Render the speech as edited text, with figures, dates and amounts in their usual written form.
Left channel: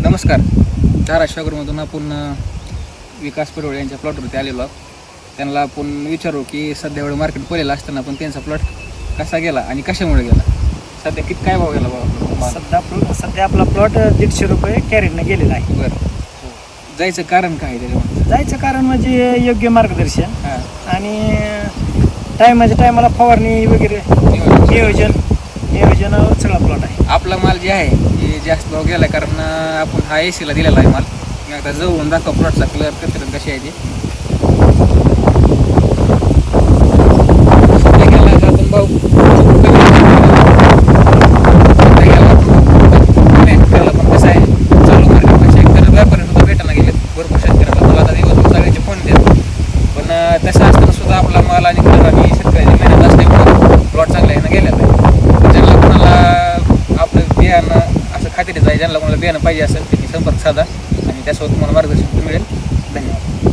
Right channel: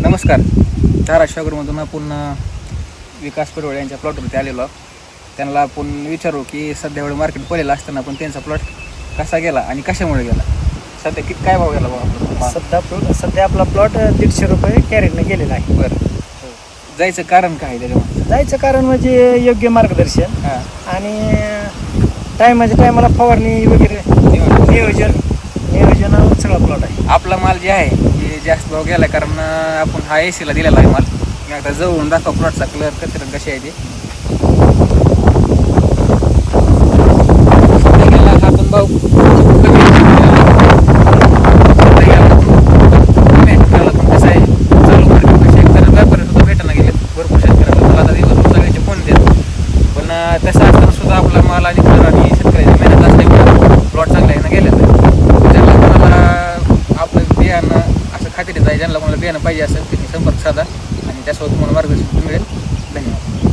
नमस्कार. धाराशिवमधून आपण विकास पडवळे यांच्या प्लॉटवरती आलेलो आहोत. त्यांना आपण विचारू की सध्या एवढं मार्केट पडलेलं असताना पण त्यांचा प्लॉट कसा गेला आणि कशामुळे गेला. सध्या किती काय भाव गेला बाबा? सध्या आपला प्लॉट 150 रुपये कॅरेटनं गेलेला आहे. बरं, जायचं कारण काय आहे त्याच्यामध्ये? जायचं कारण म्हणजे योग्य मार्गदर्शन हां, आणि टायमाला फवारणी वगैरे नियोजन सगळा प्लॉट आहे. आपला माल जे आहे हे जास्त भाव गेला कारण आपण हा एसीला दिलेला आहे माल. मी आता जवळून दाखवा प्लॉटचा कलर कशी आहे ती. सध्या गेला हा आपण भाऊ पण कसं आहे चालू मार्केटपेक्षा एकतर व्यापारी सुद्धा भेटायला गेले भरपूर शेतकऱ्याला. तुला आता दिवस सगळ्यांचे फोन देत पण तसं असताना सुद्धा आपला माल आणि कलर आणि शेतकऱ्याची मेहनत असल्यामुळं प्लॉट चांगला आहे ना गेलेला आहे. तर ज्यांना कोणाला आपलं बियाणं असं खात्रीच आहे, ज्यांना कोणाला बियाणं पाहिजे असेल त्यांनी संपर्क साधा आणि त्यासोबत तुम्हाला मार्गदर्शन मिळेल. धन्यवाद.